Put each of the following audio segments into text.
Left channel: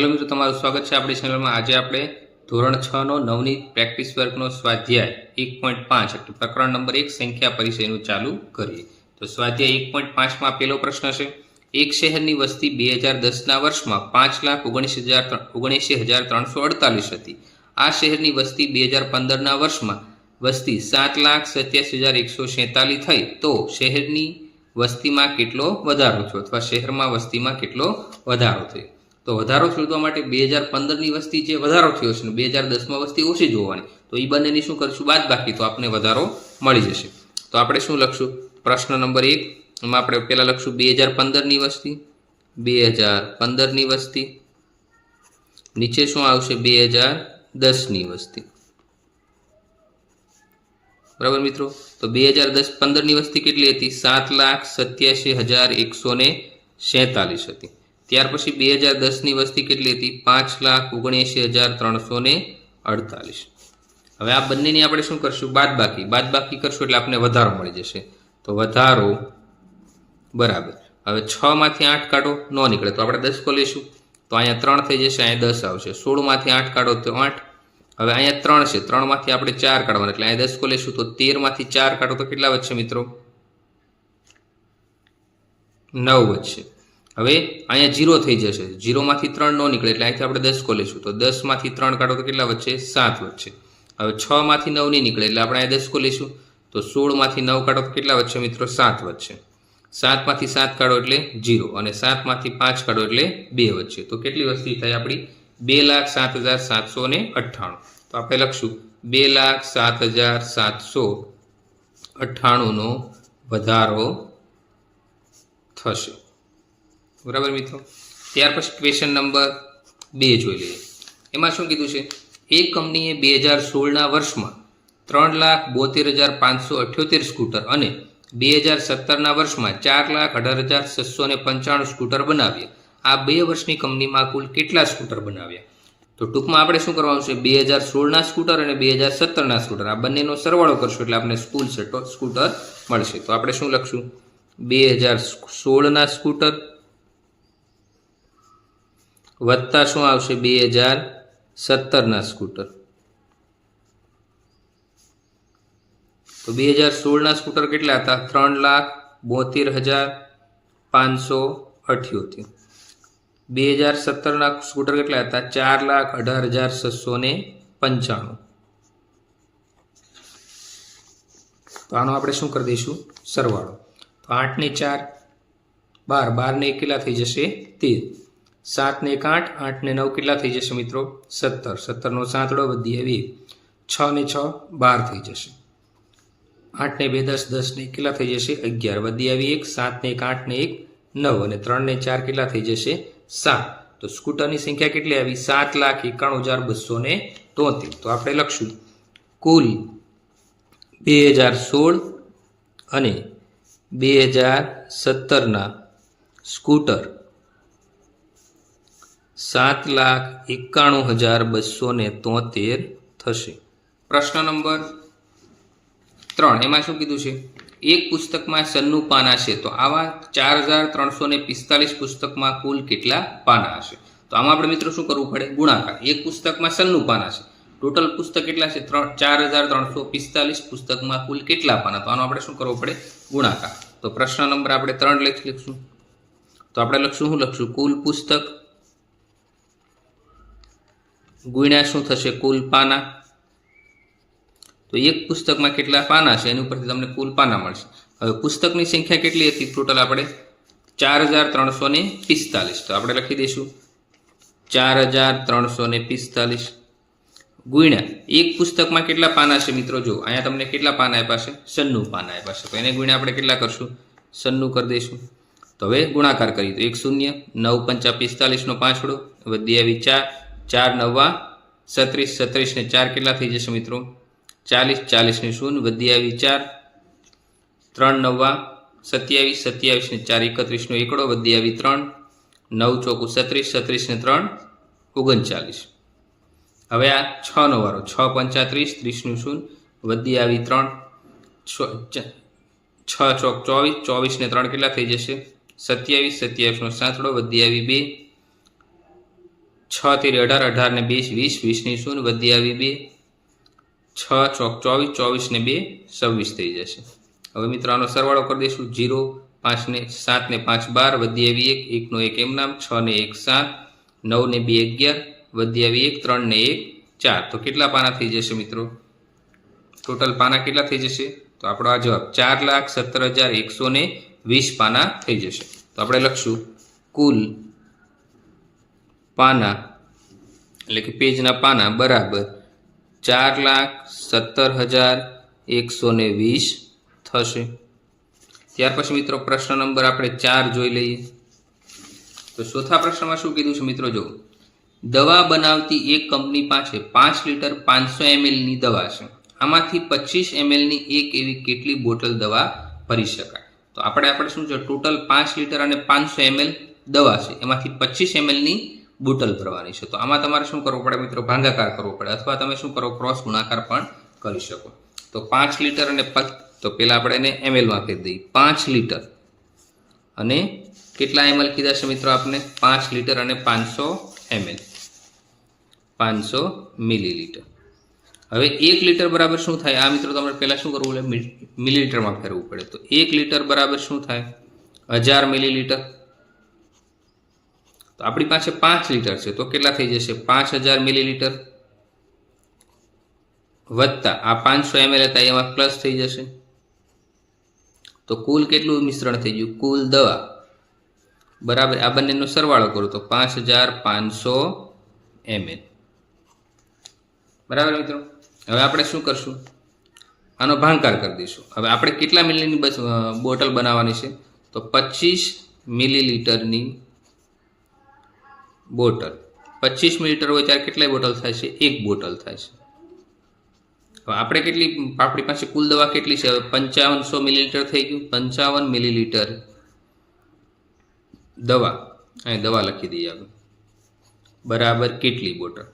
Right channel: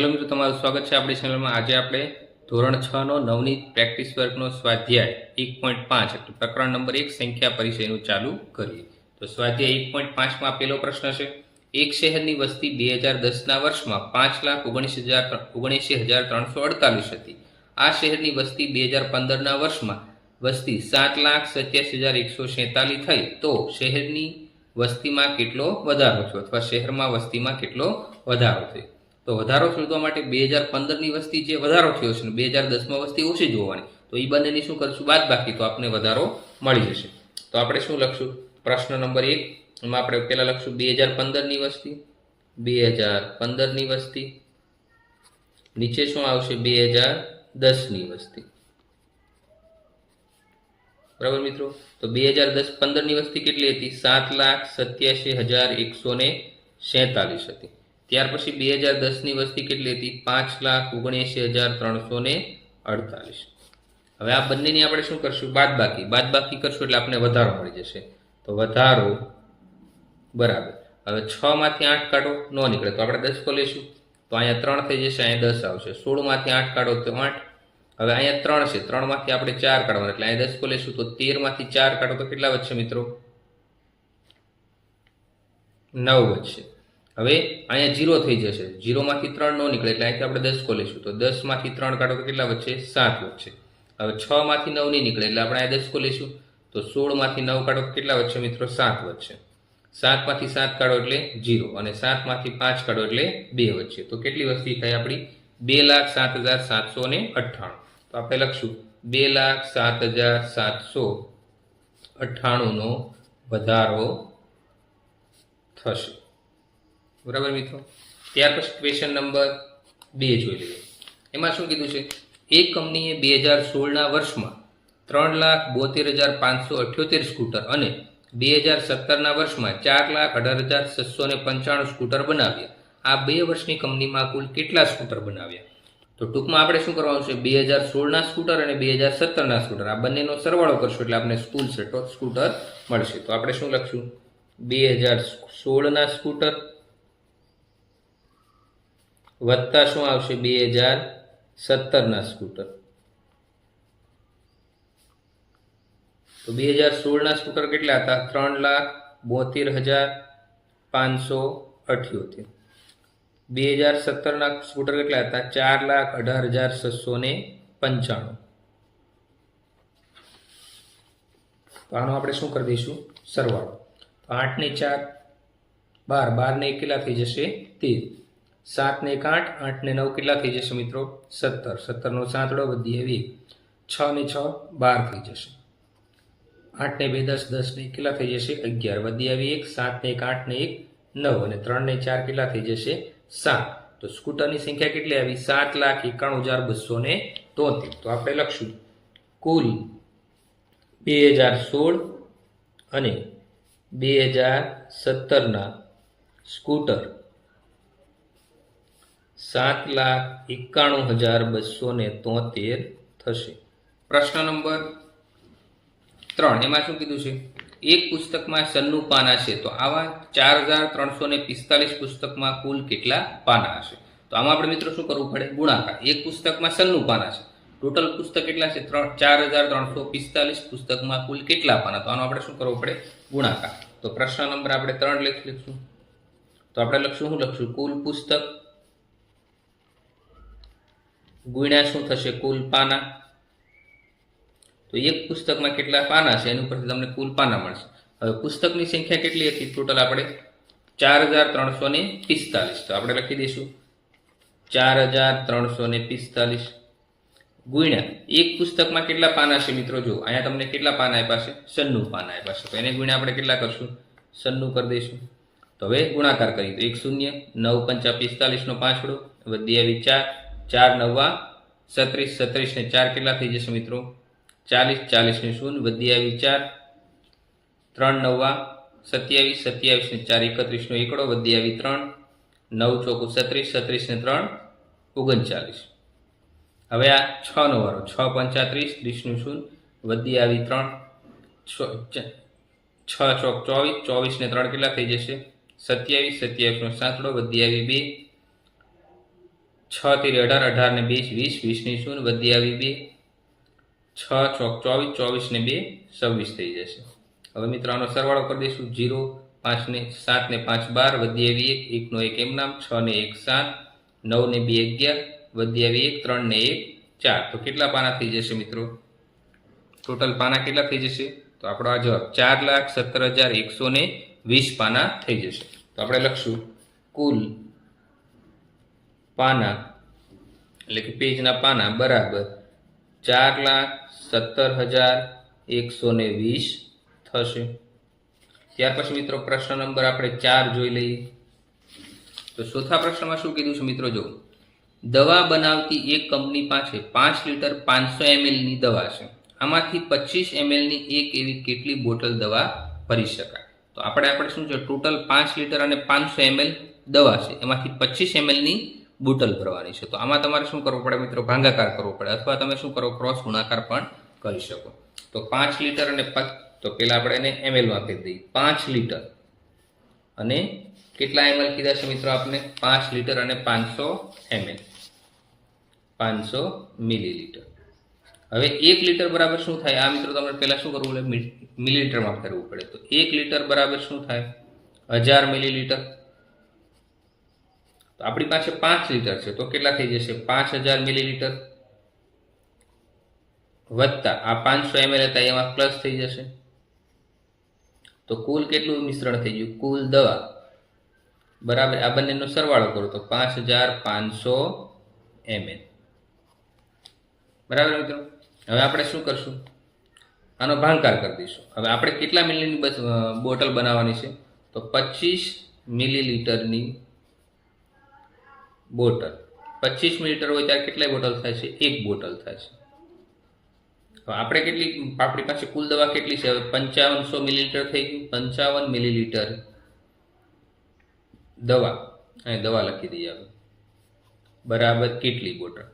Hello मित्रों, तमारुं स्वागत है अपनी चेनल में। आज आप धोरण 6 नो नवनीत प्रेक्टिस वर्क नो स्वाध्याय 1.5 એટલે પ્રકરણ નંબર 1 સંખ્યા પરિચયનું ચાલુ કરીએ। તો સ્વાધ્યાય 1.5 માં પહેલો પ્રશ્ન છે, એક શહેરની વસ્તી 2010 ના વર્ષમાં 5,79,348 હતી। આ શહેરની વસ્તી 2015 ના વર્ષમાં વસ્તી 7,87,147 થઈ, તો શહેરની વસ્તીમાં કેટલો વધારો થયો અથવા શહેરમાં વસ્તીમાં કેટલો વધારો થયો? तो વધારો શોધવા માટે 2015 ની વસ્તી જે વધારો થયો છે ને 2010 માં વસ્તી ઓછી જોવાની, તો એ બંનેની શું કરશું? બાદબાકી, તો આપણે વધારો મળી જશે। તો આપણે શું લખશું? પ્રશ્ન નંબર 1 માં આપણે પહેલા લખશું 2015 ની વસ્તી, 2015 ની વસ્તી, નીચે શું આવશે? 2010 ની વસ્તી। બરાબર મિત્રો? તો 2015 ની વસ્તી કેટલી હતી? 7,87,147 હતી। ત્યાર પછી 2010 ની વસ્તી કેટલી હતી? 5,79,348। હવે આ બંનેની આપણે શું કરશું? બાદબાકી। બાદબાકી કરશું એટલે આપણે વધારો મળી જશે। તો વધારો બરાબર, હવે 6 માંથી 8 કાઢો, ન નીકળે તો આપણે 10 કો લેશું, તો અહીંયા 3 થઈ જશે, અહીંયા 10 આવશે। 16 માંથી 8 કાઢો તો 8, હવે અહીંયા 3 છે, 3 માંથી આપણે 4 કાઢવાના એટલે અહીંયા 10 કો લેશું, તો 13 માંથી 4 કાઢો તો કેટલા વધશે મિત્રો? 9 વધશે। હવે અહીંયા 0 થઈ જશે, 0 માંથી 3 ન નીકળે એટલે અહીંથી આપણે 10 કો લેશું, તો 10 માંથી 3 કાઢો તો કેટલા વધશે? 7 વધશે। હવે 6 માંથી 9 નહીં નીકળે એટલે આપણે અહીંયા 10 કો લેશું, તો 16 માંથી 9 કાઢો તો કેટલા વધશે મિત્રો? 7 વધશે। 7 માંથી 7 કાઢો એટલે 0 અને 7 માંથી 5 કાઢો એટલે 2 વધશે। તો કેટલી વસ્તી થઈ આપણી? 2,07,798। તો આપણે લખશું 2,07,798 નો વધારો થશે। बराबर मित्रों, त्यार पछी क्वेश्चन नंबर 2 जोई लईए। एमां शुं कीधुं छे? एक कंपनीए 2016 ना वर्षमां 3,72,578 स्कूटर अने 2017 ना वर्षमां 4,18,695 स्कूटर बनाव्या। आ 2 वर्षनी कंपनीमां कुल केटला स्कूटर बनाव्या? तो टूंकमां आपणे शुं करवानुं छे? 2016 ना स्कूटर अने 2017 ना स्कूटर आ बंनेनो सरवाळो करशुं એટલે आपणे कुल स्कूटर मळशे। तो आपणे शुं लखशुं? 2016 ना स्कूटर वत्ता शुं आवशे? 2017 ना स्कूटर। तो 2016 ना स्कूटर केटला हता? 3,72,578। 2017 ना स्कूटर केटला हता? 4,18,695। तो आनो आपणे शुं करी दईशुं? सरवाळो। तो 8 ने 4 12, 12 ने 1 केटला थई जशे? 13, 7 ने 1 8, 8 ने 9 કેટલા થઈ જશે મિત્રો? 17, 17 નો સાંતડો વધી આવી 6 ને 6 12 થઈ જશે। 8 ને 2 10, 10 ને કેટલા થઈ જશે? 11 વધી આવી 1, 7 ને 1 8 ને 1 9 અને 3 ને 4 કેટલા થઈ જશે? 7। તો સ્કૂટરની સંખ્યા કેટલી આવી? 7,91,273। તો આપણે લખશું કુલ 2016 અને 2017 ના સ્કૂટર 7,91,273 થશે। પ્રશ્ન નંબર 3 એમાં શું કીધું છે? એક પુસ્તકમાં 96 પાના છે, તો આવા 4,345 પુસ્તકમાં કુલ કેટલા પાના હશે? તો આમાં આપણે મિત્રો શું કરવું પડે? ગુણાકાર। એક પુસ્તકમાં 96 પાના છે, ટોટલ પુસ્તક કેટલા છે? 4,345 પુસ્તકમાં કુલ કેટલા પાના? તો આનો આપણે શું કરવો પડે? ગુણાકાર। તો પ્રશ્ન નંબર આપણે 3 લખીશું, તો આપણે લખશું શું લખશું? કુલ પુસ્તક गुण्या शुं थशे? कुल पाना। तो एक पुस्तक में केटला पाना छे एनी उपरथी तमने कुल पाना मळशे। हवे पुस्तकनी संख्या केटली हती? टोटल आपणे 4,345। तो आपणे लखी दईशुं 4,345 गुण्या एक पुस्तक में केटला पाना छे मित्रों? जो अहींया तमने केटला पाना आप्या छे? 96 पाना आप्या छे, तो एने गुण्या आपणे केटला करशुं? 96 कर दईशुं। तो हवे गुणाकार करीए तो 1 0 9 5 45 नो पांचड़ो वधी आवी 4 4 9 36, 36 ने 4 કેટલા થઈ જશે મિત્રો? 40, 40 ને 0 વધી આવી 4 3 9 27, 27 ને 4 31 નો એકડો વધી આવી 3 9 ચોકુ 36, 36 ને 3 39। હવે આ 6 નો વારો 6 35 30 નું 0 વધી આવી 3 6 ચોક 24, 24 ને 3 કેટલા થઈ જશે? 27, 27 નો સાંતડો વધી આવી 2 6 તેરી 18, 18 ને 2 20, 20 ની શૂન્ય વધી આવી 2, 6 ચોક 24, 24 ને 2 26 થઈ જશે। હવે મિત્રો આનો સરવાળો કરી દઈશું 0, 5 ને 7 ને 5 12 વધી આવી 1, 1 નો 1 એમ નામ, 6 ને 1 7, 9 ને 2 11 વધી આવી 1, 3 ને 1 4। તો કેટલા પાના થઈ જશે મિત્રો? ટોટલ પાના કેટલા થઈ જશે? તો આપણો આ જવાબ 4,17,120 પાના થઈ જશે। તો આપણે લખશું કુલ પાના એટલે કે પેજના પાના બરાબર 4,17,120 થશે। ત્યાર પછી મિત્રો પ્રશ્ન નંબર આપણે 4 જોઈ લઈએ। તો ચોથા પ્રશ્નમાં શું કીધું છે મિત્રો? જો દવા બનાવતી એક કંપની પાસે 5 લીટર 500 ml ની દવા છે, આમાંથી 25 ml ની એક એવી કેટલી બોટલ દવા ભરી શકાય? તો આપણે શું છે, ટોટલ 5 લીટર અને 500 ml દવા છે, એમાંથી 25 ml ની બોટલ ભરવાની છે। તો આમાં તમારે શું કરવું પડે મિત્રો? ભાગાકાર કરવો પડે, અથવા તમે શું કરો, ક્રોસ ગુણાકાર પણ કરી શકો। તો 5 લીટર અને તો પહેલા આપણે એને ml માં ફેરવી દઈએ। 5 લીટર અને કેટલા ml કીધા છે મિત્રો આપને? 5 લીટર અને 500 ml, 500 મિલીલીટર। હવે 1 લીટર બરાબર શું થાય? આ મિત્રો તમારે પહેલા શું કરવું પડે? મિલીલીટરમાં ફેરવવું પડે। તો 1 લીટર બરાબર શું થાય? 1000 મિલીલીટર। તો આપણી પાસે 5 લીટર છે, તો કેટલા થઈ જશે? 5000 મિલીલીટર વત્તા આ 500 ml હતા એમાં પ્લસ થઈ જશે। તો કુલ કેટલું મિશ્રણ થઈ ગયું? કુલ દવા બરાબર આ બંનેનો સરવાળો કરો તો 5500 ml બરાબર મિત્રો। હવે આપણે શું કરશું? આનો ભાગાકાર કરી દઈશું। હવે આપણે કેટલા મિલીની બોટલ બનાવવાની છે? તો 25 મિલીલીટરની બોટલ। 25 મિલીલીટર હોય ત્યારે કેટલી બોટલ થાય છે? 1 બોટલ થાય છે। હવે આપણે આપણી પાસે કુલ દવા કેટલી છે? હવે 5500 મિલીલીટર થઈ ગયું। 55 મિલીલીટર દવા, અહીં દવા લખી દઈએ આપણે, બરાબર કેટલી બોટલ?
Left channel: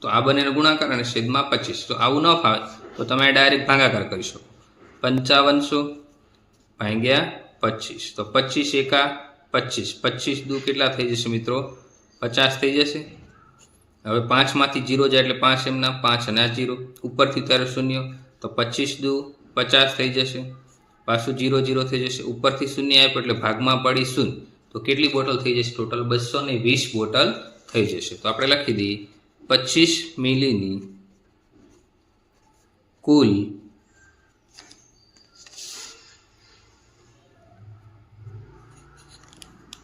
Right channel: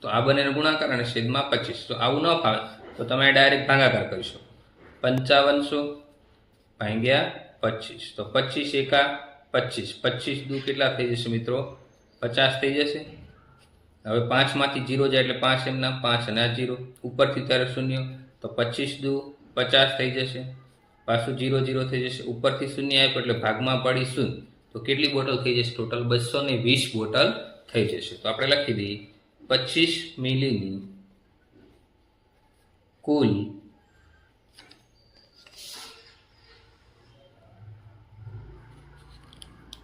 તો આ બંનેનો ગુણાકાર અને છેદમાં 25। તો આવું ન ફાવે તો તમે ડાયરેક્ટ ભાગાકાર કરી શકો। 5500 ભાગ્યા 25, તો 25 એકા 25, 25 દુ કેટલા થઈ જશે મિત્રો? 50 થઈ જશે। હવે 5 માંથી 0 જાય એટલે 5 એમના 5 અને આ 0 ઉપરથી ત્યારે 0, તો 25 દુ 50 થઈ જશે, પાછું 0 0 થઈ જશે, ઉપરથી 0 આપ્યો એટલે ભાગમાં પડી 0, તો કેટલી બોટલ થઈ જશે? ટોટલ 220 બોટલ થઈ જશે। તો આપણે લખી દઈએ 25 મિલીની કુલ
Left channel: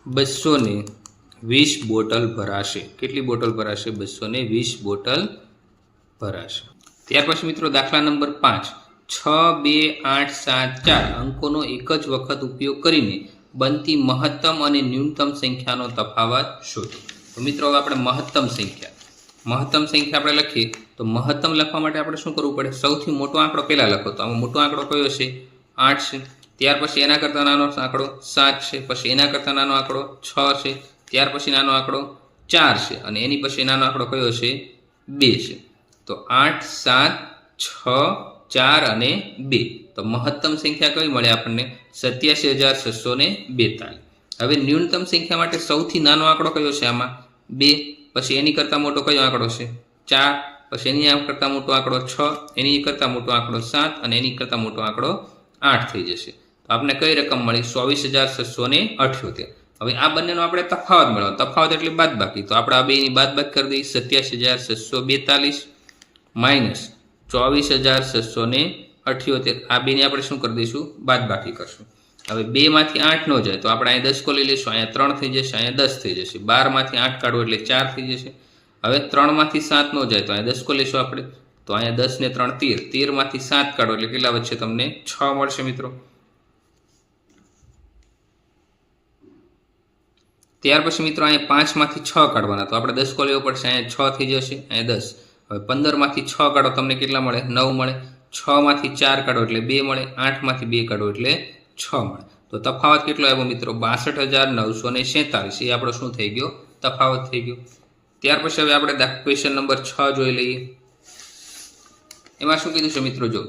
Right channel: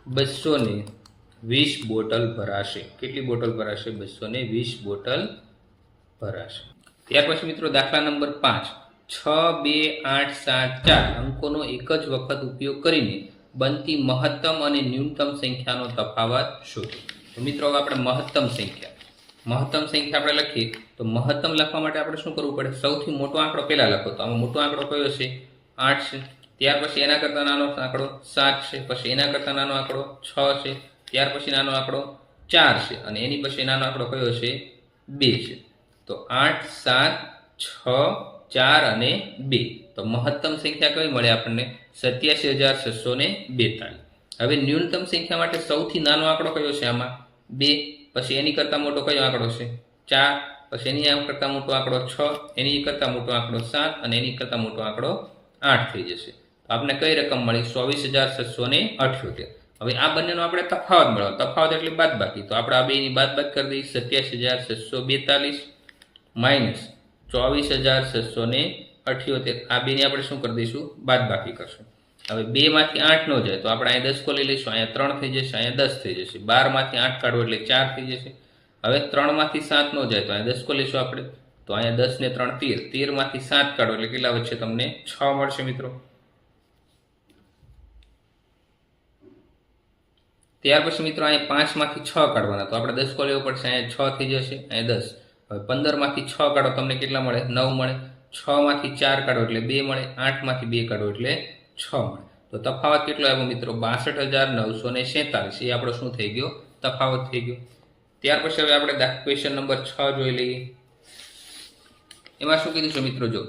$220 બોટલ ભરાશે। કેટલી બોટલ ભરાશે? 220 બોટલ ભરાશે। ત્યાર પછી મિત્રો દાખલા નંબર 5, 6, 2, 8, 7, 4 અંકોનો એક જ વખત ઉપયોગ કરીને બનતી મહત્તમ અને ન્યૂનતમ સંખ્યાનો તફાવત શોધો। તો મિત્રો હવે આપણે મહત્તમ સંખ્યા આપણે લખીએ તો મહત્તમ લખવા માટે આપણે શું કરવું પડે? સૌથી મોટો આંકડો પહેલા લખો। તો આમાં મોટો આંકડો કયો છે? 8 છે। ત્યાર પછી એના કરતાં નાનો આંકડો 7 છે, પછી એના કરતાં નાનો આંકડો 6 છે, ત્યાર પછી નાનો આંકડો 4 છે, અને એની પછી નાનો આંકડો કયો છે? 2 છે। તો 8, 7, 6, 4 અને 2। તો મહત્તમ સંખ્યા કઈ મળે આપણને? 87,642। હવે ન્યૂનતમ સંખ્યા માટે સૌથી નાનો આંકડો કયો છે આમાં? 2, પછી એની કરતાં મોટો કયો આંકડો છે? 4, પછી એની કરતાં મોટો આંકડો 6, એની કરતાં મોટો આંકડો 7 અને એની કરતાં મોટો આંકડો 8 થઈ જશે। તો આપણે કઈ રકમ મળી? 24,678। હવે આ બંનેનો આપણે તફાવત મેળવો। તફાવત એટલે બાદબાકી, તો આપણે આ બેની બાદબાકી કરી દઈએ। 87,642 માઇનસ 24,678, આ બેની આપણે શું કરી દઈશું? બાદબાકી કરશું। હવે 2 માંથી 8 ન જાય તો આપણે અહીંયા 10 કો લઈ લઈશું, અહીંયા 3 થઈ જશે, અહીંયા 10 થઈ જશે, 12 માંથી 8 કાઢો એટલે 4 થઈ જશે। હવે 3 માંથી 7 ન જાય તો અહીંયા 10 કો લઈશું આપણે, તો અહીંયા 10 ને 3 13, 13 માંથી 7 કાઢો એટલે કેટલા વધશે? તમને 6 મળશે મિત્રો। ત્યાર પછી મિત્રો અહીંયા 5 માંથી 6 કાઢવાના, તો આપણે 10 કો લેવો પડશે, અહીંયા 6 થઈ જશે, અહીંયા 10। હવે 15 માંથી 6 કાઢો તમને કેટલા મળે? 9 મળે। 6 માંથી 4 કાઢો એટલે 2 મળે, 8 માંથી 2 કાઢો એટલે 6 મળે। તો તફાવત કેટલો આવ્યો મિત્રો? 62,947। એ આપણો શું થઈ ગયો? તફાવત થઈ ગયો। ત્યાર પછી હવે આપણે ક્વેશ્ચન નંબર 6 જોઈ લઈએ। એમાં શું કીધું છે મિત્રો? જો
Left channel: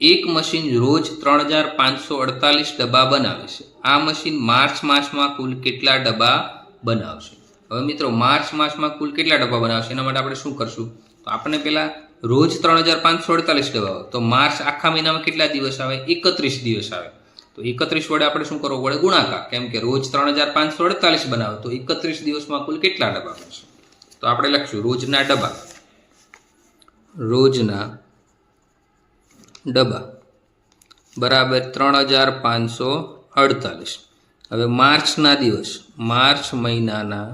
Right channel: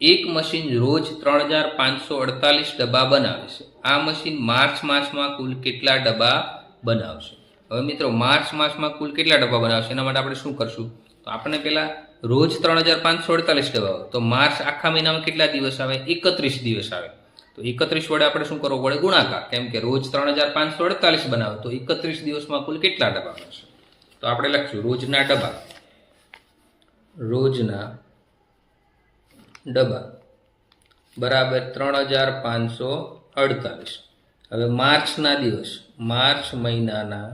એક મશીન રોજ 3,548 ડબ્બા બનાવે છે, આ મશીન માર્ચ માસમાં કુલ કેટલા ડબ્બા બનાવશે? હવે મિત્રો માર્ચ માસમાં કુલ કેટલા ડબ્બા બનાવશે એના માટે આપણે શું કરશું? તો આપણને પહેલાં રોજ 3548 ડબ્બા આવે, તો માર્ચ આખા મહિનામાં કેટલા દિવસ આવે? 31 દિવસ આવે. તો 31 વડે આપણે શું કરવું પડે? ગુણાકાર. કેમ કે રોજ 3548 બનાવે, તો 31 દિવસમાં કુલ કેટલા ડબ્બા બનશે? તો આપણે લખશું રોજના ડબ્બા બરાબર 3548. હવે માર્ચના દિવસ, માર્ચ મહિનાના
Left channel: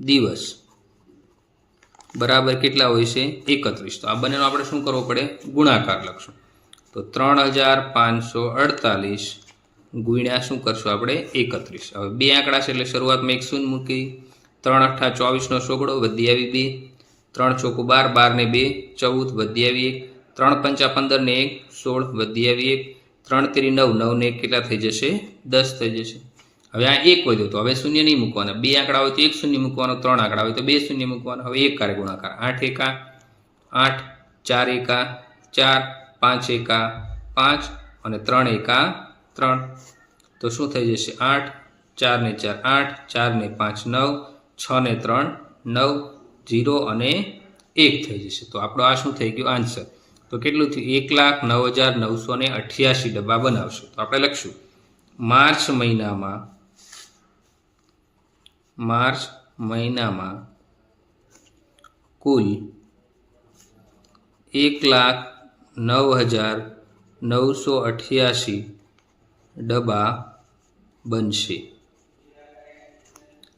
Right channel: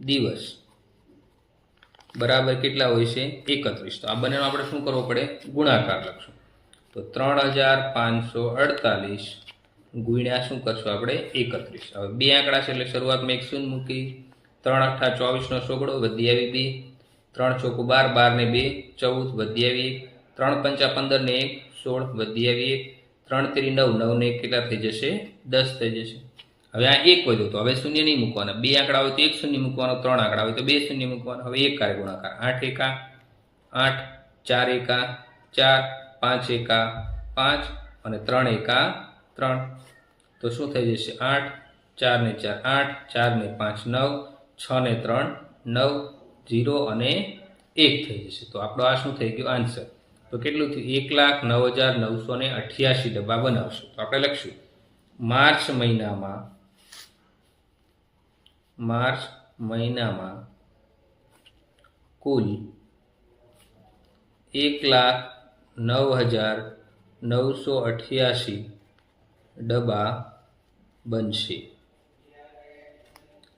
દિવસ બરાબર કેટલા હોય છે? 31. તો આ બંનેનો આપણે શું કરવો પડે? ગુણાકાર લખશું. તો 3548 ગુણ્યા શું કરશું આપણે? 31. હવે બે આંકડા છે એટલે શરૂઆતમાં 1 શૂન્ય મૂકી, 3 8 24 નો સોગડો વધી આવી 2, 3 ચોક 12, 12 ને 2 14 વધી આવી 1, 3 5 15 ને 1 16 વધી આવી 1, 3 3 9 9 ને 1 કેટલા થઈ જશે? 10 થઈ જશે. હવે આ 1 વધ્યો તો હવે શૂન્ય નહીં મૂકવાના. બે આંકડા હોય તો 1 શૂન્ય મૂકવાનો, 3 આંકડા હોય તો 2 શૂન્ય મૂકવાનો. હવે 1 કારે ગુણાકાર 8 એકા 8, 4 એકા 4, 5 એકા 5 અને 3 એકા 3. તો શું થઈ જશે? 8, 4 ને 4 8, 4 ને 5 9, 6 ને 3 9, 0 અને 1 થઈ જશે. તો આપણો આ શું થઈ ગયું? આન્સર. તો કેટલું થયું? 1,09,988 ડબ્બા બનાવશે. તો આપણે લખશું માર્ચ મહિનામાં કુલ 1,09,988 ડબ્બા બનશે.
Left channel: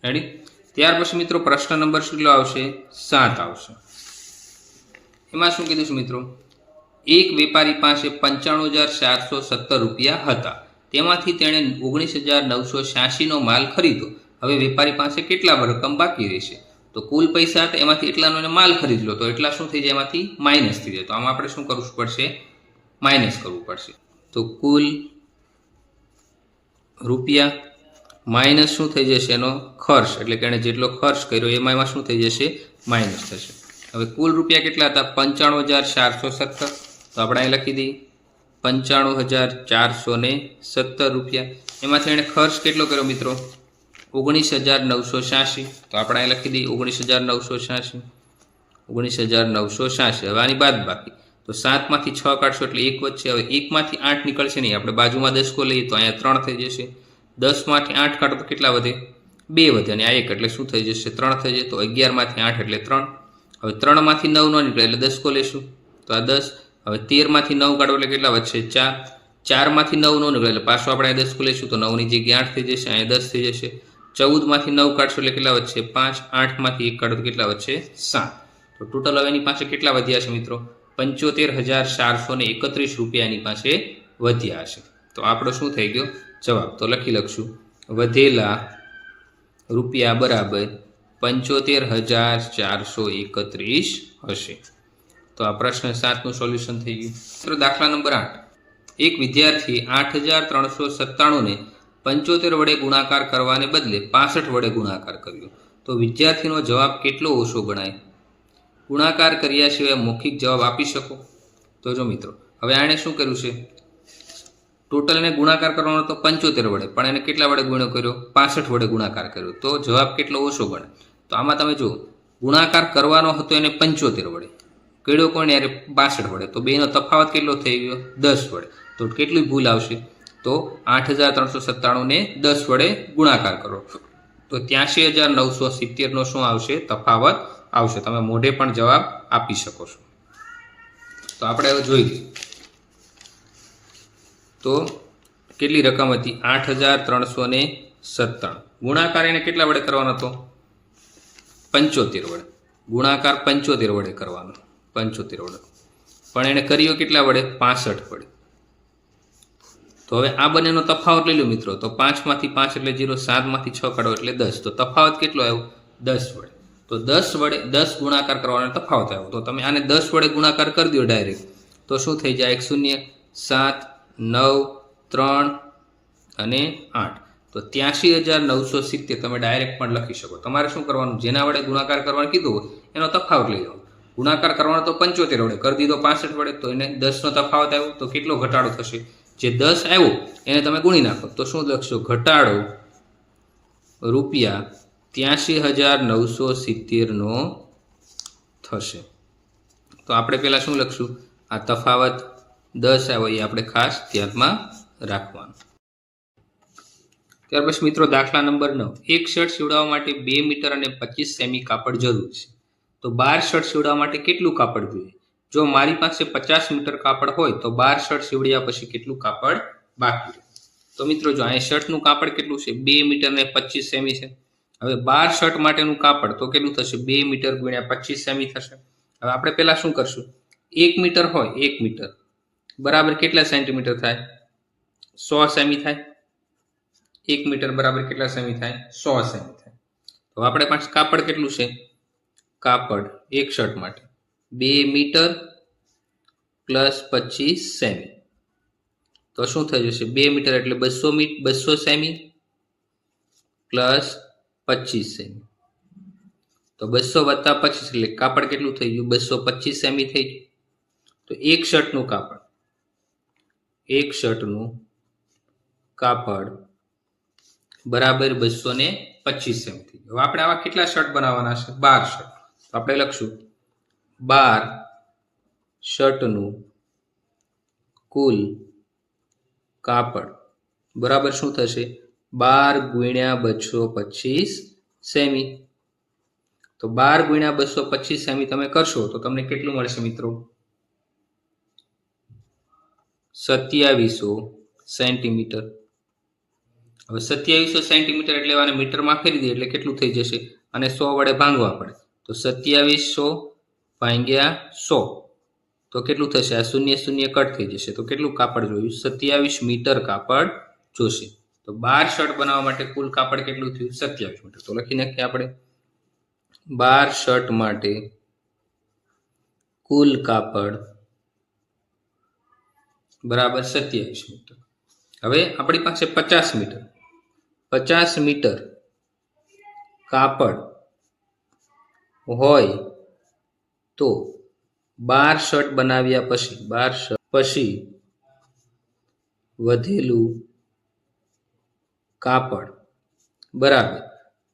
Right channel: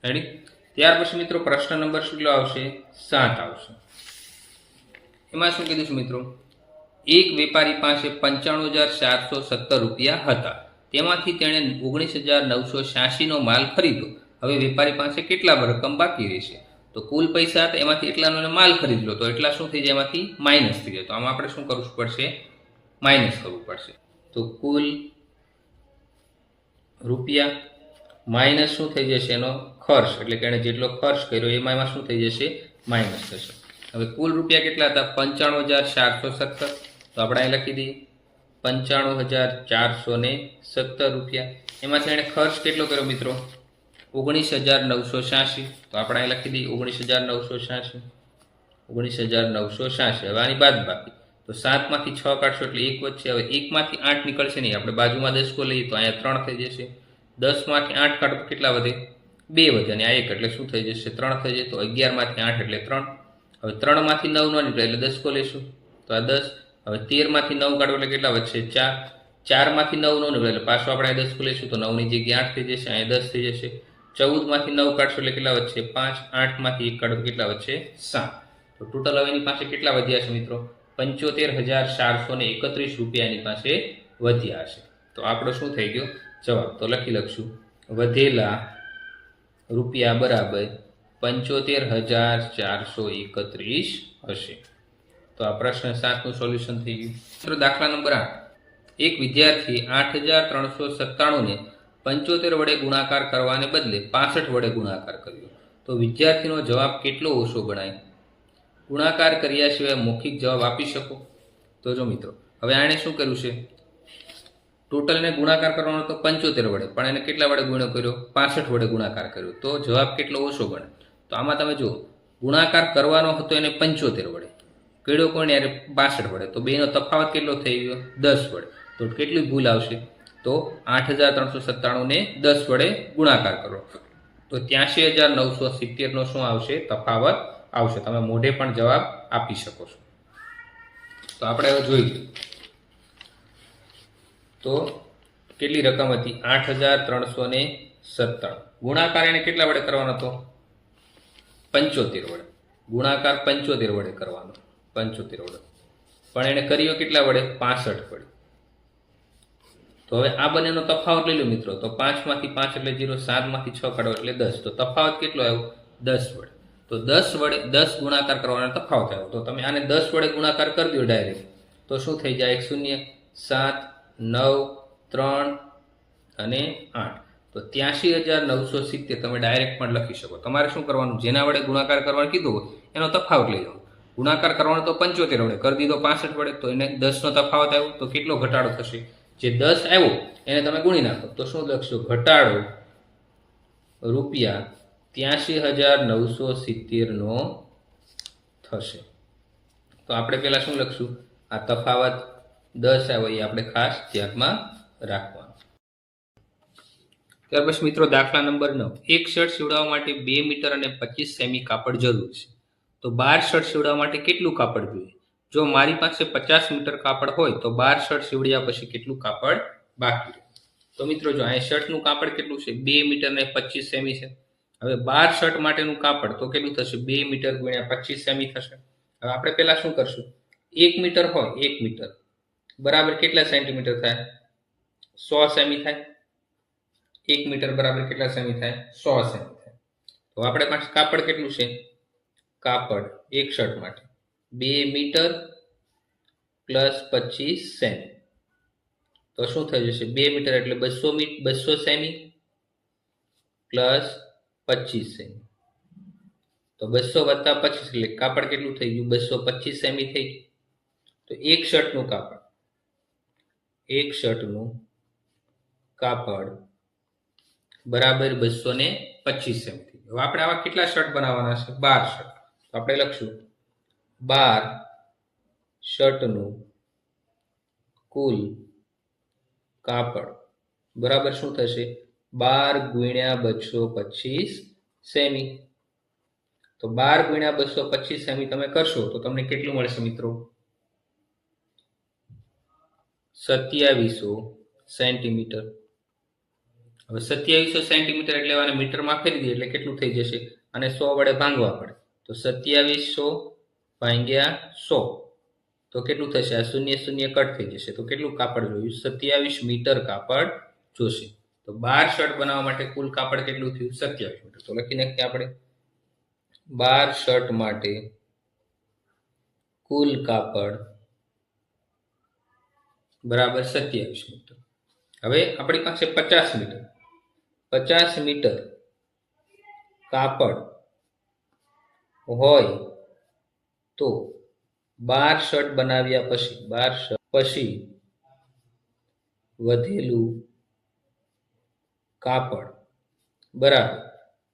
રેડી? ત્યાર પછી મિત્રો પ્રશ્ન નંબર કેટલો આવશે? 7 આવશે. એમાં શું કીધું છે મિત્રો? એક વેપારી પાસે 95,417 રૂપિયા હતા, તેમાંથી તેણે 19,986 નો માલ ખરીદ્યો. હવે વેપારી પાસે કેટલા રકમ બાકી રહેશે? તો કુલ પૈસા હતા એમાંથી એટલાનો માલ ખરીદ લો, તો એટલા શું થઈ જાય? એમાંથી માઇનસ થઈ જાય. તો આમાં આપણે શું કરવું પડશે? માઇનસ કરવું પડશે. તો કુલ રૂપિયા માઇનસ શું થઈ જશે? એનો ખર્ચ, એટલે કે એણે જેટલો ખર્ચ કર્યો એમાં શું થઈ જશે? માઇનસ થશે. હવે કુલ રૂપિયા કેટલા હતા? 95,417. તો આપણે અહીં લખી દઈએ 95,417 રૂપિયા. એમાંથી એણે ખર્ચ કેટલો કર્યો મિત્રો? 19,986. તો આપણે અહીં લખી દઈએ 19,986. 19,986. હવે આની બાદ બાકી તો 7 માંથી 6 કાઢશો એટલે 1 વધશે. હવે 1 માંથી 8 નીકળશે નહીં, આપણે બાજુમાં 10 કો લઈએ તો અહીંયા 3 થઈ જશે. 10 માંથી 8 કાઢો તો કેટલા વધે? 2 વધે અને આ 1 એટલે શું થઈ જશે? 3 થઈ જાય. તો 11 માંથી 8 એટલે 3. હવે 3 માંથી 9 નો નીકળે એટલે 10 કો લેશું તો આ 10. હવે 13 માંથી 9 કાઢો એટલે કેટલા વધશે? 4. 4 માંથી 9 નો નીકળે એટલે પાછું આપણે 10 કો લેશું તો 9 ની જગ્યાએ 8 થઈ જશે, અહીંયા 10 થઈ જશે. 14 માંથી 9 કાઢશો એટલે કેટલા વધશે? 5. 8 માંથી 1 કાઢો તો કેટલા વધશે? 7. તો ટોટલ હવે એની પાસે કેટલા વધ્યા છે મિત્રો? 75,431 રૂપિયા એની પાસે વધ્યા હશે. તો આપણો શું થઈ ગયો જવાબ? તો લખશું વધેલા રૂપિયા બરાબર 75,431 હશે. તો આ પ્રશ્ન 7 નું સોલ્યુશન થઈ ગયું. મિત્રો દાખલા નંબર 8. એક વિદ્યાર્થી 8,397 ને 75 વડે ગુણાકાર કરવાને બદલે 65 વડે ગુણાકાર કર્યો, તો વિદ્યાર્થીનો જવાબ કેટલો ઓછો ગણાય? ગુણાકાર કર્યા સિવાય મૌખિક જવાબ આપી શકો? તો જો મિત્રો હવે આણે શું કર્યું છે? ટોટલને ગુણાકાર કરવાનો તો 75 વડે, પણ એને કેટલા વડે ગુણ્યો કર્યો? 65 વડે ગુણાકાર કર્યો, તો જવાબ કેટલો ઓછો ગણે? તો આમાં તમે જુઓ, ગુણાકાર કરવાનો હતો એને 75 વડે, કર્યો કોણ યારે? 65 વડે. તો બેનો તફાવત કેટલો થઈ ગયો? 10 વડે. તો કેટલી ભૂલ આવશે? તો 8,397 ને 10 વડે ગુણાકાર કરો તો 83,970 નો શું આવશે? તફાવત આવશે. તમે મોઢે પણ જવાબ આપી શકો છો. તો આપણે હવે જોઈ લઈએ તો કેટલી રકમ હતી? 8,397. ગુણાકાર એને કેટલા વડે કરવાનો હતો? 75 વડે. ગુણાકાર 75 વડે કરવાનો, 75 વડે. પણ એને કર્યો કેટલા વડે? 65 વડે. તો હવે આ બંનેનો તફાવત લઈ લો મિત્રો. તો 5 માંથી 5 એટલે 0, 7 માંથી 6 કાઢો એટલે 10. તો તફાવત કેટલો આવ્યો? 10 વડે. તો 10 વડે 10 ગુણાકાર કરવાનો તફાવત આવ્યો. તો તમે આને 10 વડે ગુણાકાર કરી દો ડાયરેક્ટ, તો શું થઈ જાય? 1 0 7 9 3 અને 8. તો 83,970 તમે ડાયરેક્ટ પણ લખી શકો. તમારે શું કરવાનું? જેના વડે ગુણાકાર કરવાનું કીધું હોય એનો તફાવત લઈ જાઓ. ગુણાકાર કરવાનો તો 75 વડે કરી દીધો 65 વડે, તો એને 10 નો તફાવત આવ્યો, તો કેટલો ઘટાડો થશે? જે 10 આવ્યો એને તમે ગુણી નાખો તો શું લખશો? ઘટાડો ₹83,970 થશે. તો આપણે પહેલાં શું લખશું? આ તફાવત 10 આવે એ આપણે ખાસ ધ્યાનમાં રાખવાનું. ત્યાર પછી મિત્રો દાખલા નંબર 9. એક શર્ટ સીવડાવવા માટે 2 મીટર અને 25 સેમી કાપડ જરૂર છે. તો 12 શર્ટ સીવડાવવા માટે કેટલું કાપડ જોઈએ? જો મારી પાસે 50 મીટર કાપડ હોય તો 12 શર્ટ સીવડ્યા પછી કેટલું કાપડ બાકી રહે? તો મિત્રો જો અહીંયા શર્ટનું કાપડ કેટલું છે? 2 મીટર અને 25 સેમી છે. હવે 12 શર્ટ માટેનું કાપડ તો કેટલું થશે? 2 મીટર ગુણ્યા 25 સેમી થશે. હવે આપણે પહેલા શું કરશું? 1 મીટર હોય, 1 મીટર બરાબર કેટલા સેન્ટીમીટર થાય? 100 સેમી થાય. 1 મીટર બરાબર કેટલા સેમી થાય? 100 સેમી થાય. તો આપણે પાસે કાપડ કેટલું છે? કાપડ એક શર્ટ માટે 2 મીટર પ્લસ 25 સેમી. તો શું થઈ જશે? 2 મીટર એટલે 200 સેમી પ્લસ 25 સેમી. તો 200 વત્તા 25 એટલે કાપડ કેટલું થઈ ગયું? 225 સેમી થઈ ગયું. તો એક શર્ટનું કાપડ બરાબર 225 સેમી થઈ ગયું. હવે આપણે આવા કેટલા શર્ટ બનાવવાના છે? 12 શર્ટ. તો આપણે લખશું 12 શર્ટનું કુલ કાપડ બરાબર શું થશે? 12 ગુણ્યા 225 સેમી. તો 12 ગુણ્યા 225 સેમી તમે કરશો તો તમને કેટલું મળશે મિત્રો? 2700 સેન્ટીમીટર. હવે 2700 સેન્ટીમીટર એટલે આને મીટરમાં ફેરવી દઈએ એટલે કેટલું થઈ જશે? અને 100 વડે ભાંગવા પડે. તો 2700 ભાગ્યા 100 તો કેટલું થશે? આ 0 0 કટ થઈ જશે. તો કેટલું કાપડ જોયું? 27 મીટર કાપડ જોશે. તો 12 શર્ટ બનાવવા માટે કુલ કાપડ કેટલું થયું? 27 મીટર. તો લખી નાખીએ આપણે 12 શર્ટ માટે કુલ કાપડ બરાબર 27 મીટર. હવે આપણી પાસે 50 મીટર કાપડ હોય તો 12 શર્ટ બનાવ્યા પછી વધેલું કાપડ બરાબર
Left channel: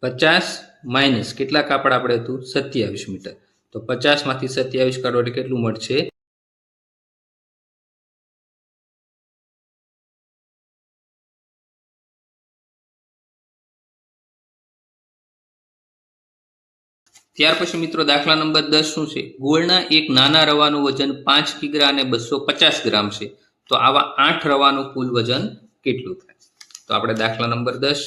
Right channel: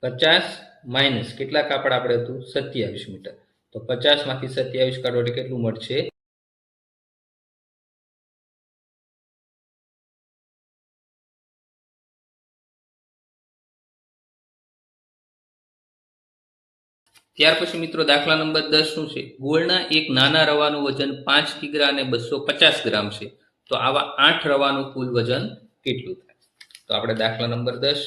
50 માઇનસ કેટલા કાપડ આપણે હતું? 27 મીટર. તો 50 માંથી 27 કાઢો એટલે કેટલું મળશે? ત્યાર પછી મિત્રો દાખલા નંબર 10 શું છે? ગોળના એક નાના રવાનું વજન 5 કિગ્રા અને 250 ગ્રામ છે. તો આવા 8 રવાનું કુલ વજન કેટલું થાય? તો આપણે દાખલા નંબર 10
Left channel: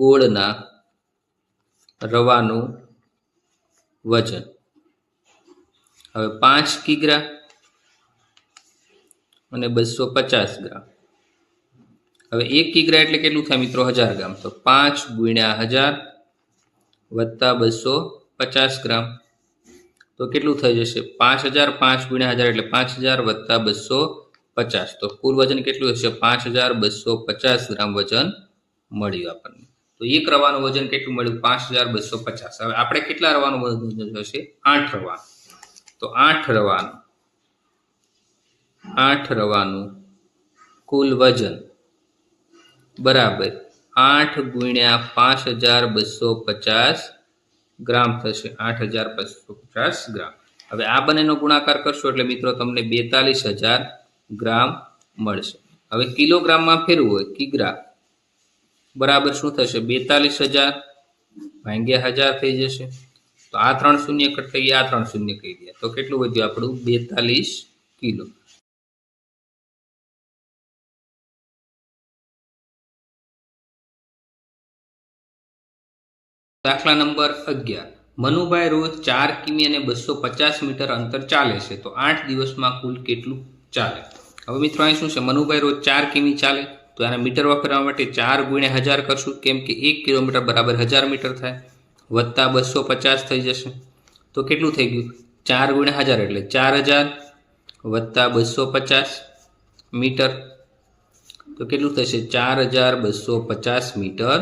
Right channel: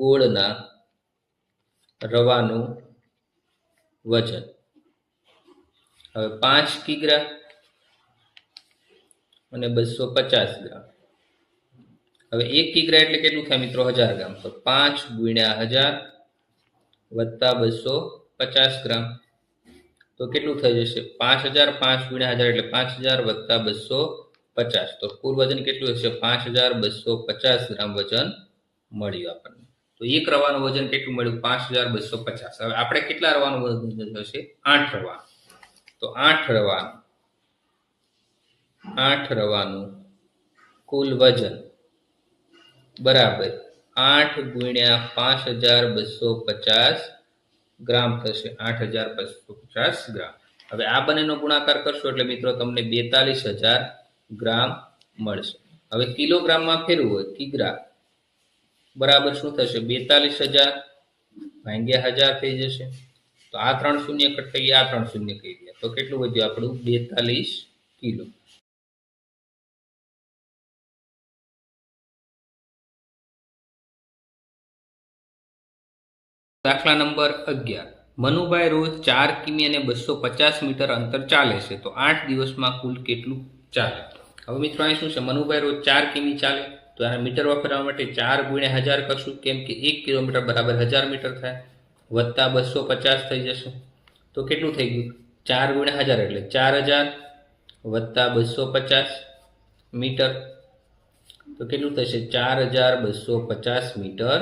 ગોળના રવાનું વજન. હવે 5 કિગ્રા અને 250 ગ્રામ. હવે 1 કિગ્રા એટલે કેટલું થાય મિત્રો? 1000 ગ્રામ. તો 5 ગુણ્યા 1000 વત્તા 250 ગ્રામ. તો કેટલું થઈ જશે? 5000. 5 ગુણ્યા 1000 એટલે 5000 વત્તા 250. તો કુલ વજન કેટલું હશે? 5250 ગ્રામ વજન મળ્યું આપણને. તો એક રવાનું વજન કેટલું મળ્યું? 5250. હવે આપણે કેટલા રવાનું વજન હશે? 8 રવાનું. તો 8 રવાનું કુલ વજન બરાબર 8 ગુણ્યા 5250 ગ્રામ થશે. 8250 ગ્રામ. હવે આ બંનેનો ગુણાકાર કરશો એટલે મિત્રો તમને 42000 ગ્રામ મળશે. હવે કિલોગ્રામમાં ફેરવું હોય કિગ્રા બરાબર શું થશે? 42000 ભાગ્યા 1000 થઈ જશે. તો આ 3 શૂન્ય કટ થઈ ગયા, આ 3 શૂન્ય કહી ગયા. તો કેટલું વધ્યું આપણું? 42 કિલો. દાખલા નંબર 11. મનુભાઈ રોજ 4 કિમી અને 250 મીટર અંતર ચાલે છે. તો 8 દિવસમાં કુલ કેટલું ચાલે? હવે મિત્રો અહીં શું છે? મનુભાઈ રોજ 4 કિમી ચાલે. તો આને મીટરમાં ફેરવા માટે 4 ગુણ્યા 1000 કરશું. કેમ કે 1 કિલોમીટર બરાબર 1000 મીટર થાય. વત્તા 250 થઈ જશે. તો કેટલું થઈ ગયું? 4 ગુણ્યા 1000 એટલે 4000 વત્તા 250 મીટર. તો કેટલું થશે? 4250 મીટર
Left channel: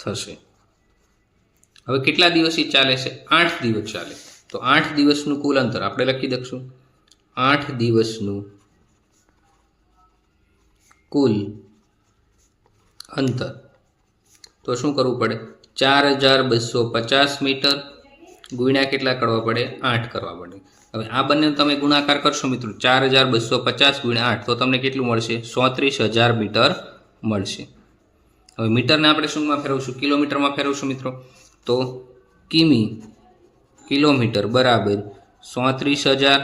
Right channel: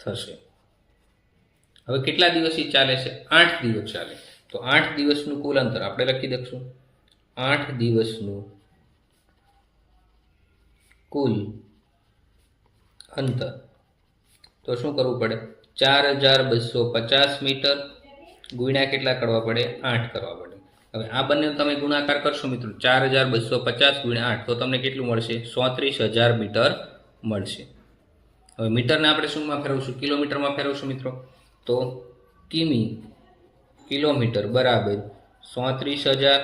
થશે. હવે કેટલા દિવસથી ચાલે છે? 8 દિવસ ચાલે. તો 8 દિવસનું કુલ અંતર આપણે લખી દઈશું. 8 દિવસનું કુલ અંતર તો શું કરવું પડે? 4250 મીટર ગુણ્યા કેટલા કરવા પડે? 8 કરવા પડે. હવે આ બંને તમે ગુણાકાર કરશો મિત્રો 4250 ગુણ્યા 8 તો તમને કેટલું મળશે? 34000 મીટર મળશે. હવે મીટરને આપણે શુંમાં ફેરવશું? કિલોમીટરમાં ફેરવશું મિત્રો. તો કિમી કિલોમીટર બરાબર 34000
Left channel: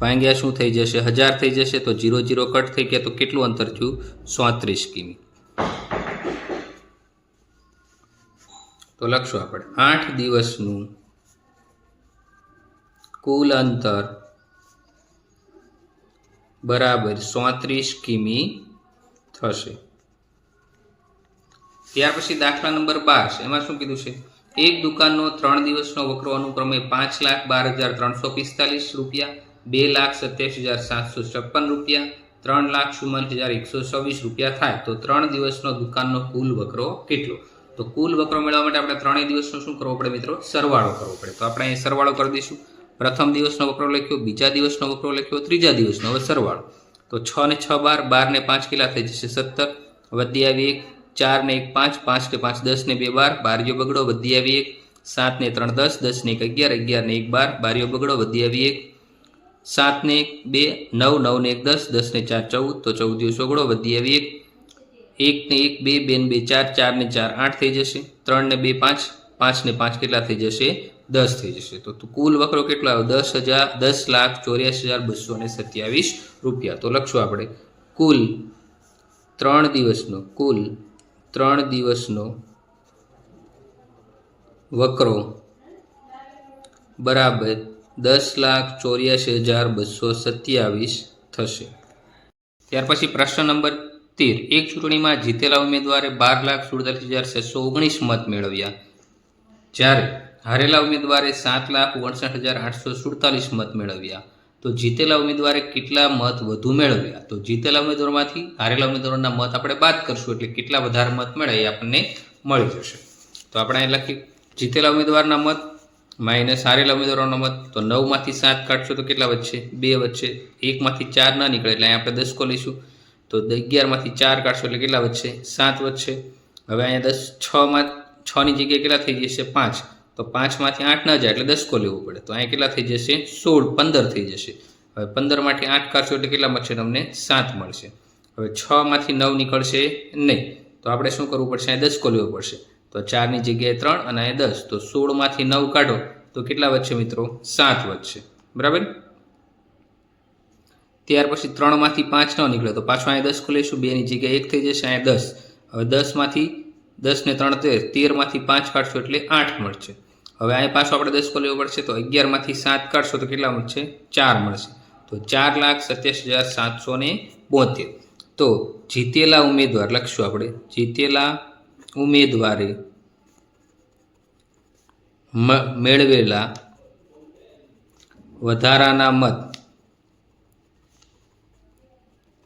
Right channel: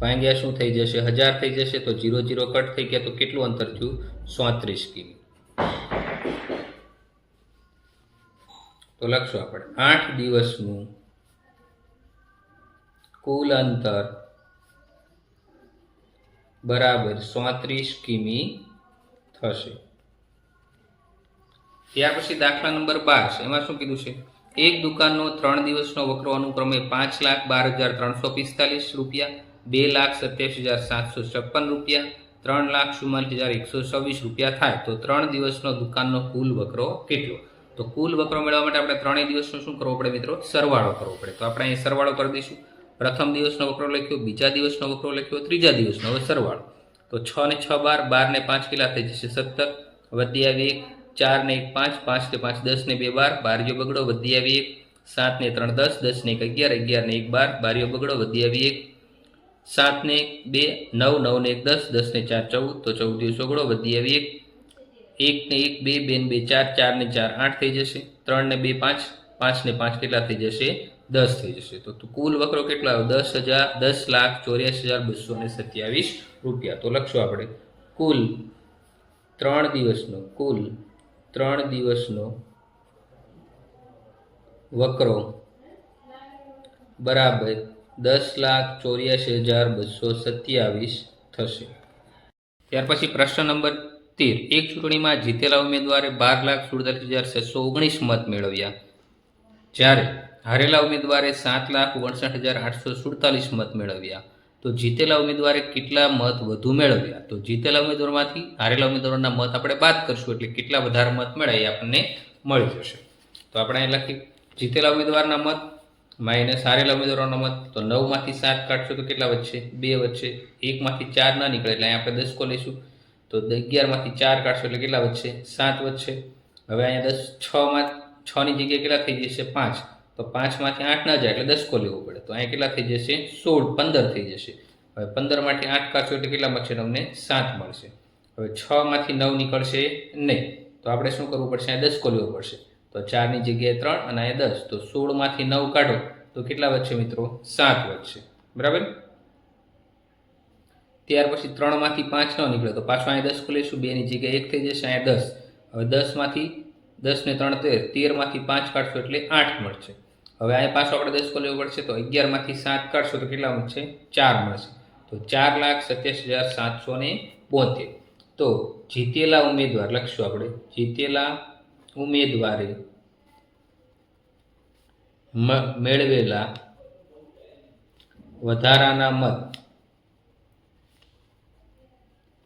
ભાગ્યા શું થઈ જશે? 1000 થઈ જશે. તો 0 0 કટ થઈ ગયા તો કેટલું અંતર થયું? 34 કિમી. તો લખશું આપણે 8 દિવસનું કુલ અંતર બરાબર 34 કિમી થશે. ત્યાર પછી દાખલા નંબર 12 છે. એમાં શું કીધું છે? એક દુકાનનો 3 દિવસનો વકરો અનુક્રમે 5,12,345 રૂપિયા, 2,27,756 રૂપિયા, 3,44,126 રૂપિયા થાય તો 3 દિવસનો દુકાનનો કુલ વકરો કેટલો? તો કુલ વકરો મેળવવા માટે આપણે 3 દિવસનો શું કરવો પડે મિત્રો? સરવાળો કરવો પડે. તો આપણે અહીં સરવાળો કરી દઈશું. પ્રથમ દિવસનો વકરો લખ્યો, બીજા દિવસનો વકરો લખ્યો, ત્રીજા દિવસનો. હવે સરવાળો તો 6 ને 6 12, 12 ને 5 કેટલા થઈ જશે? 17. વધી આવી 1, 4 ને 1 5, 5 ને 5 10 ને 2 12, બારીઓ બગડો વધી આવી 1, 7 ને 3 10, 10 ને 1 11, 11 ને 1 12, બારીઓ બગડો વધી આવી 1, 7 ને 2 9, 9 ને 1 10, 10 ને 4 14, તો 14 દિવસ ઓગળો વધી આવી 1, 1 ને 1 2, 2 ને 2 4, 4 ને 4 8 થઈ જશે, 3 ને 2 5, 5 ને 5 કેટલા થઈ જશે? 10 થઈ જશે. તો કુલ વકરો કેટલો આવ્યો? 10,24,227 રૂપિયા. તો લખશું આપણે કુલ 3 દિવસનો વકરો બરાબર 10,84,227 થશે. ત્યાર પછી પ્રશ્ન નંબર 13. એક ચૂંટણીમાં જીતેલા ઉમેદવારે 12,47,619 મત મેળવ્યા, જ્યારે હારેલા ઉમેદવારે 7,59,847 મત મેળવ્યા. તો જીતેલા ઉમેદવારે કેટલા મત વધુ મેળવ્યા? તો જીતેલા ઉમેદવારમાંથી હારેલા ઉમેદવારોના મત આપણે બાદ કરશું એટલે કેટલા વધારે મત મળે એ આપણને મળી જશે. તો આપણે અહીં લખી જીતેલા ઉમેદવારના મત માઇનસ હારેલા ઉમેદવારોના મત. તો 9 માંથી 7 કાઢશો તો કેટલા વધશે? 2 વધશે. 1 માંથી 4 ના નીકળે એટલે અહીં આપણે 10 કો લઈશું. તો 11 માંથી 4 કાઢશો એટલે કેટલા વધશે? 7 વધશે. હવે અહીંયા 6 ની જગ્યાએ કેટલા થઈ જશે? 5. તો 5 માંથી 8 ના જાય એટલે 10 કો લેવું પડે. તો અહીંયા કેટલા થઈ જશે? 16 15 થઈ જશે. હવે 15 માંથી 8 કાઢશો એટલે કેટલા મળશે તમને? 7 મળશે. હવે 6 માંથી 9 નીકળશે નહીં તો આપણે શું કરવું પડશે? અહીં 10 કો લેવો પડશે. તો 4 ની જગ્યાએ 3 અને અહીં 10. તો 16 માંથી 9 કાઢો તો કેટલા વધશે મિત્રો? 7 વધશે. બરાબર. ત્યાર પછી 3 માંથી 5 ન નીકળે તો પાછું અહીં 10 કો લઈશું. 2 ની જગ્યાએ 1 થઈ જશે, અહીં 10. હવે 10 માંથી 10 ને 3 13, 13 માંથી 5 કાઢશો એટલે 8 મળશે. હવે અહીં પાછો આપણે 10 કો લેવો પડશે. તો 11 માંથી 7 કાઢશો તો કેટલા મળશે? 4 મળશે. તો 4,87,772. તો જીતેલા ઉમેદવાર લખશું આપણે. જીતેલા ઉમેદવારે મેળવેલા વધારાના મત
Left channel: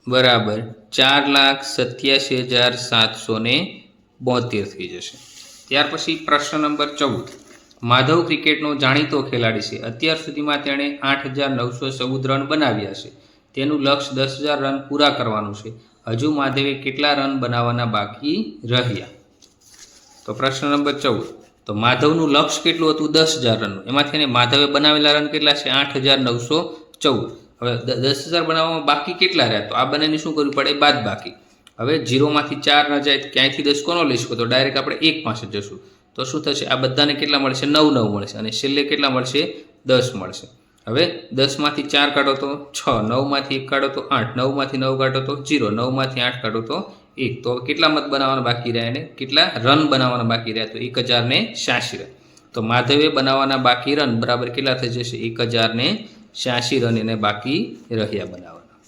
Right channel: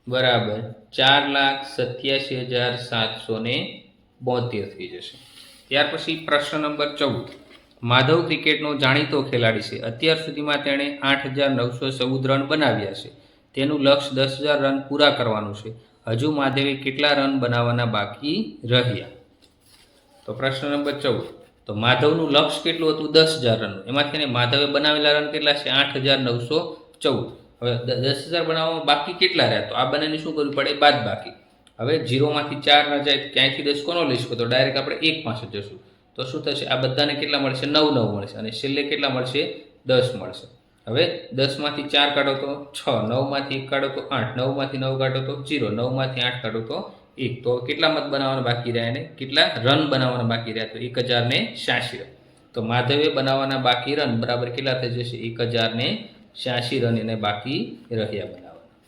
બરાબર 4,87,772 થઈ જશે. ત્યાર પછી પ્રશ્ન નંબર 14. માધવ ક્રિકેટનો જાણીતો ખેલાડી છે. અત્યાર સુધીમાં તેણે 8,914 રન બનાવ્યા છે. તેનું લક્ષ્ય 10,000 રન પૂરા કરવાનું છે. હજુ માધવે કેટલા રન બનાવવાના બાકી રહ્યા? તો પ્રશ્ન નંબર 14. તો માધવનું લક્ષ્ય કેટલું હતું? 10,000 રનનું. એમાંથી માધવે બનાવેલા રન કેટલા છે? 8,914. હવે 10,000 બનાવવામાં બાકી કેટલા રહ્યા? તો આ બંનેને શું કરવું પડે? બાદ બાકી. હવે 0 માંથી 4 ન જાય ક્યાંયથી 10 કોનો લઈશું? તો ડાયરેક્ટ આપણે 1 પાસે જશું. તો શું થશે? આ બધાને કેટલા મળશે? 9 9 મળશે અને છેલ્લે કેટલા મળશે? 10 મળશે. હવે 10 માંથી 4 કાઢો તો 6, 9 માંથી 1 કાઢો તો 8, 9 માંથી 9 કાઢો તો 0, 9 માંથી 8 કાઢો તો 1. તો કેટલા મત બનાવવાના બાકી રહ્યા? એને કેટલા રન બનાવવાના બાકી રહ્યા? તો 1,086 રન. તો માધવે બનાવવાના બાકી રન બરાબર કેટલા થઈ જશે? 1,086 રન એને બાકી રહ્યા બનાવવાના.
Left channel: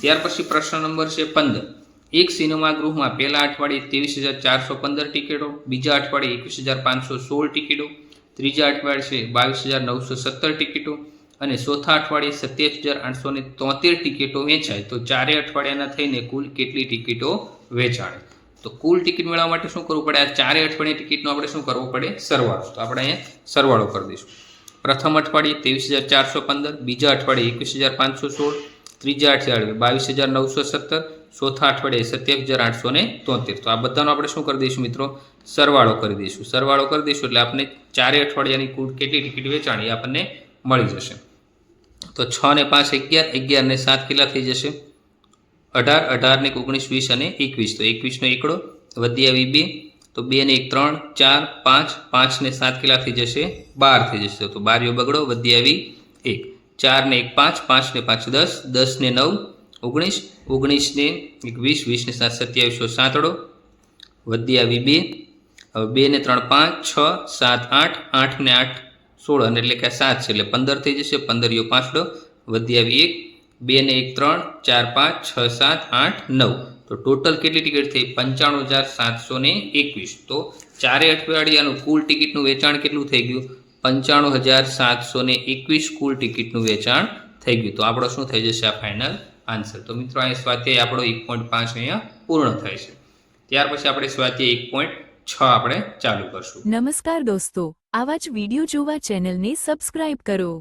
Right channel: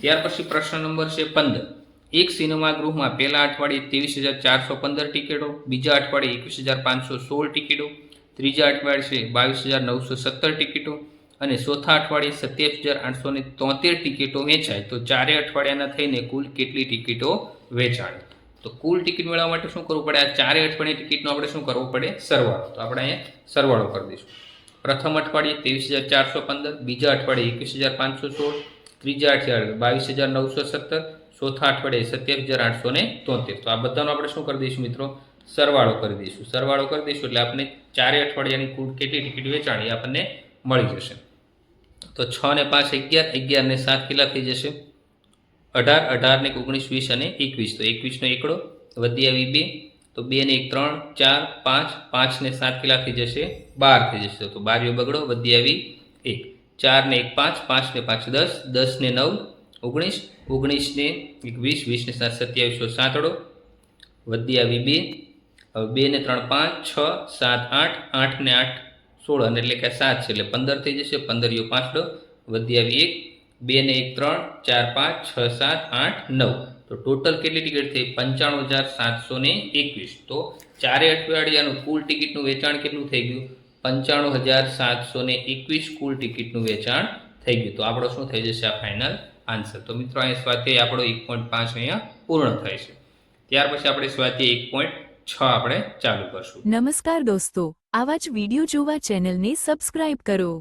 ત્યાર પછી પ્રશ્ન નંબર છે 15. એક સિનેમા ગૃહમાં પહેલા અઠવાડિયે 23,415 ટિકિટો, બીજા અઠવાડિયે 21,516 ટિકિટો, ત્રીજા અઠવાડિયે 22,917 ટિકિટો અને ચોથા અઠવાડિયે 27,873 ટિકિટો વેચાય. તો ચારે અઠવાડિયાના થઈને કુલ કેટલી ટિકિટો વેચાણી? તો કુલ ટિકિટ મેળવવા માટે શું કરવું પડે? આ ચારે અઠવાડિયે ટિકિટનો આપણે શું કરવું પડે? સરવાળો. તો આપણે અહીંયા સરવાળો કરી દઈશું. પ્રથમ અઠવાડિયે 23,415, બીજા અઠવાડિયે 21,516, ત્રીજા અઠવાડિયે 22,917, ચોથા અઠવાડિયે 27,873. તો આ બધાનો આપણે શું કરી દઈશું મિત્રો? સરવાળો કરી દઈશું. સરવાળો કરી દઈશું એટલે આપણે 4 અઠવાડિયાની કુલ કેટલી ટિકિટ વેચાણી આપણને મળી જશે. તો 6 ને 5 11, 11 ને 7 કેટલા થઈ જશે? 18, 18 ને 19, 20 અને 21. તો 21 નો એકડો વધી આવી 2, તો 2 ને 1 3, 4, 5, 5 ને 7 કેટલા થઈ જશે? 12 થઈ જશે. તો 12 બગડો વધી આવી 1, 4 ને 1 5, 5 ને 5 10, 10 ને 9 19, 19 ને 20, 20 ને 7 27, 7 વધી આવી 2. હવે 2 ને 3 5, 6, 7 8, 8 ને 8 16 અને એટલે કે 7 છે એટલે 15 થઈ જશે. 15 5 વધી આવી 1, 2 ને 1 3, 4 5, 6 7 8 9. તો ટોટલ કેટલી ટિકિટ થઈ? 95,721. તો 4 અઠવાડિયાનું કુલ ટિકિટનું વેચાણ કેટલું થઈ ગયું? 95,721 કુલ ટિકિટનું વેચાણ થઈ ગયું. તો આપણો શું થઈ જશે આ ફાઇનલ આન્સર? તો મિત્રો અહીંયા સ્વાધ્યાય આપણો 1.5 અહીંયા પૂર્ણ થાય છે. ત્યાર પછી આપણે સ્વાધ્યાય 1.6 આપણે ચાલુ કરશું. નમસ્કાર દોસ્તો, આવા જ વિડિયો જોવા ચેનલને સબસ્ક્રાઇબ કરો.